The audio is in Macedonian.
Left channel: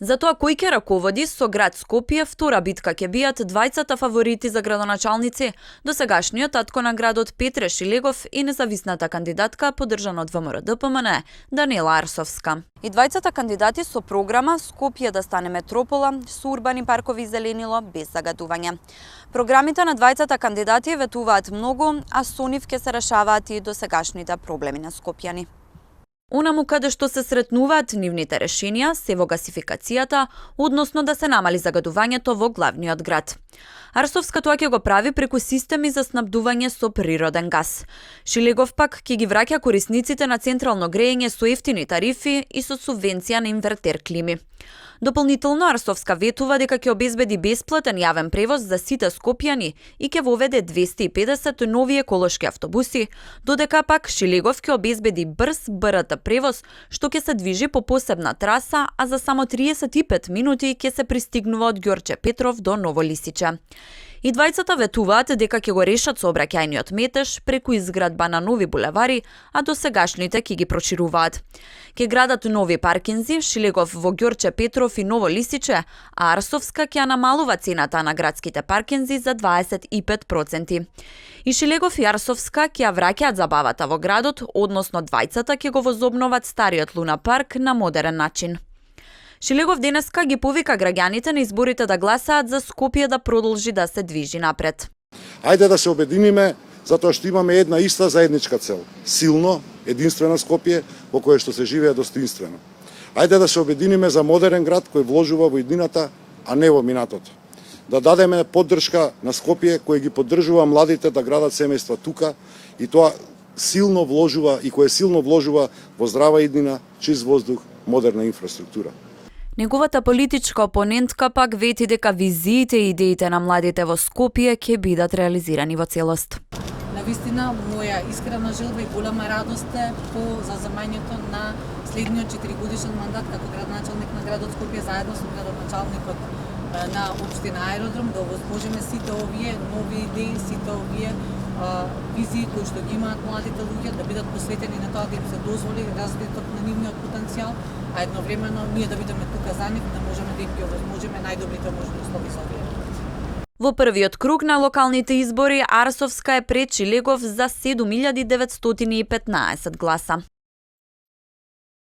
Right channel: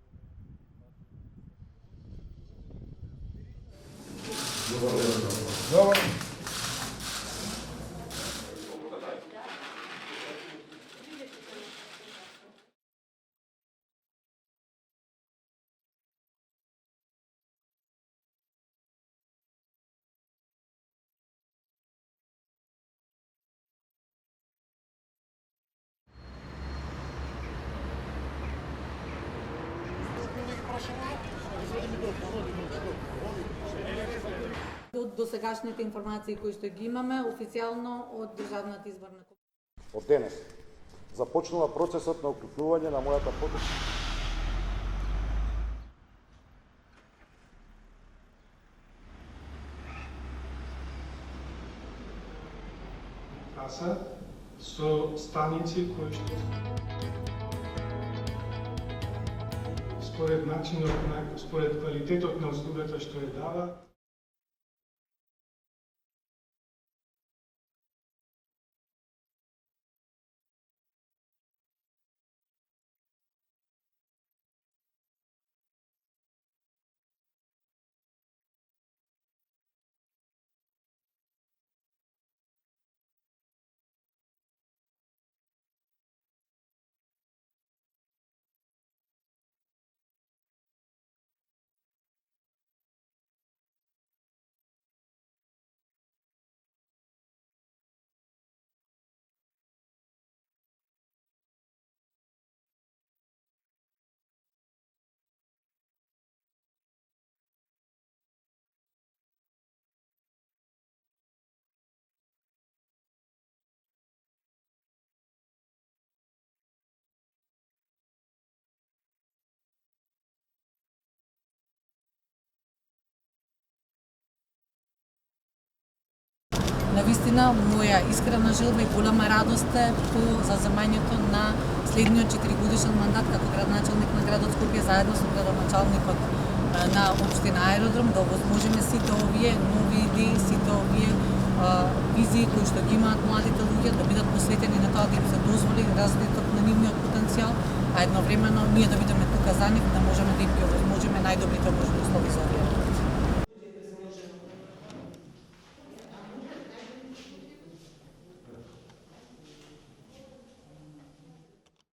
Затоа кој ќе раководи со град Скопје, втора битка ќе бијат двајцата фаворити за градоначалници, досегашниот татко на градот Петре Шилегов и независната кандидатка поддржана од ВМРО-ДПМН Даниела Арсовска. И двајцата кандидати со програма Скопје да стане метропола со урбани паркови и зеленило без загадување. Програмите на двајцата кандидати ветуваат многу, а со нив ќе се решаваат и досегашните проблеми на скопјани. Онаму каде што се сретнуваат нивните решенија се во гасификацијата, односно да се намали загадувањето во главниот град. Арсовска тоа ќе го прави преку системи за снабдување со природен газ. Шилегов пак ќе ги враќа корисниците на централно грејење со ефтини тарифи и со субвенција на инвертер клими. Дополнително Арсовска ветува дека ќе обезбеди бесплатен јавен превоз за сите скопјани и ќе воведе 250 нови еколошки автобуси, додека пак Шилегов ќе обезбеди брз БРТ превоз, што ќе се движи по посебна траса, а за само 35 минути ќе се пристигнува од Ѓорче Петров до Ново Лисиче. И двајцата ветуваат дека ќе го решат сообраќајниот метеж преку изградба на нови булевари, а досегашните ќе ги прошируваат. Ќе градат нови паркинзи, Шилегов во Ѓорче Петров и Ново Лисиче, а Арсовска ќе намалува цената на градските паркинзи за 25%. И Шилегов и Арсовска ќе ја враќаат забавата во градот, односно двајцата ќе го возобноват стариот Луна парк на модерен начин. Шилегов денеска ги повика граѓаните на изборите да гласаат за Скопје да продолжи да се движи напред. Ајде да се обединиме, затоа што имаме една иста заедничка цел. Силно, единствено Скопје, во кое што се живее достоинствено. Ајде да се обединиме за модерен град кој вложува во иднината, а не во минатото. Да дадеме поддршка на Скопје кој ги поддржува младите да градат семејства тука и тоа силно вложува и кое силно вложува во здрава иднина, чист воздух, модерна инфраструктура. Неговата политичка опонентка пак вети дека визиите и идеите на младите во Скопје ќе бидат реализирани во целост. Навистина, моја искрена желба и голема радост е по заземањето на следниот 4-годишен мандат како градоначалник на градот Скопје заедно со градоначалникот на општина Аеродром да овозможиме сите овие нови идеи, сите овие визии кои што ги имаат младите луѓе да бидат посветени на тоа да им се дозволи развиток на нивниот потенцијал, а едновремено ние да бидеме тука за нив, да можеме да им ги овозможиме најдобрите можни услови за овие. Во првиот круг на локалните избори Арсовска е пред Шилегов за 7915 гласа.